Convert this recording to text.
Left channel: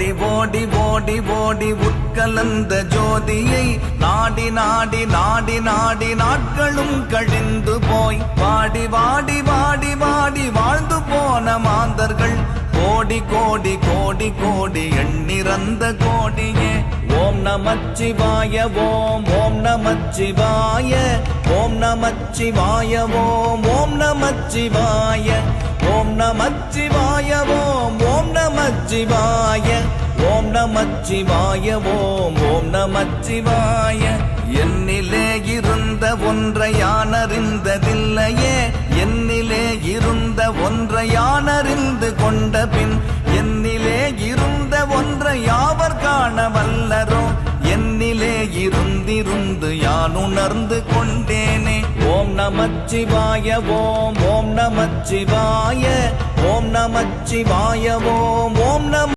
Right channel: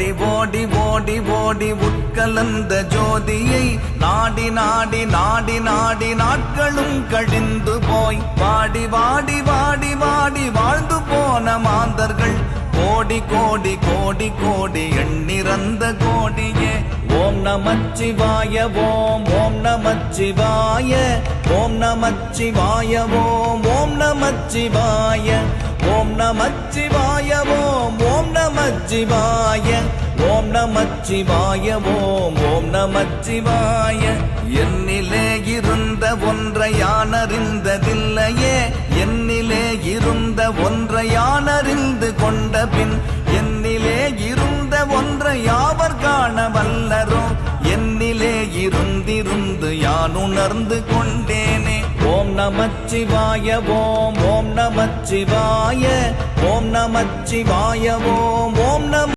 ஓடி ஓடி ஓடி ஓடி உட்கலந்த ஜோதியை நாடி நாடி நாடி நாடி நாட்களும் கழிந்து போய் வாடி வாடி வாடி வாடி வாழ்ந்து போன மாந்தர்கள் கோடி கோடி கோடி கோடி எண்ணிறந்த கோடியே. ஓம் நமச்சிவாய ஓம் ஓம் நமச்சிவாய ஓம் நமச்சிவாய ஓம் ஓம் நமச்சிவாய ஓம் நமச்சிவாய ஓம் ஓம் நமச்சிவாய ஓம் நமச்சிவாய ஓம் ஓம் நமச்சிவாய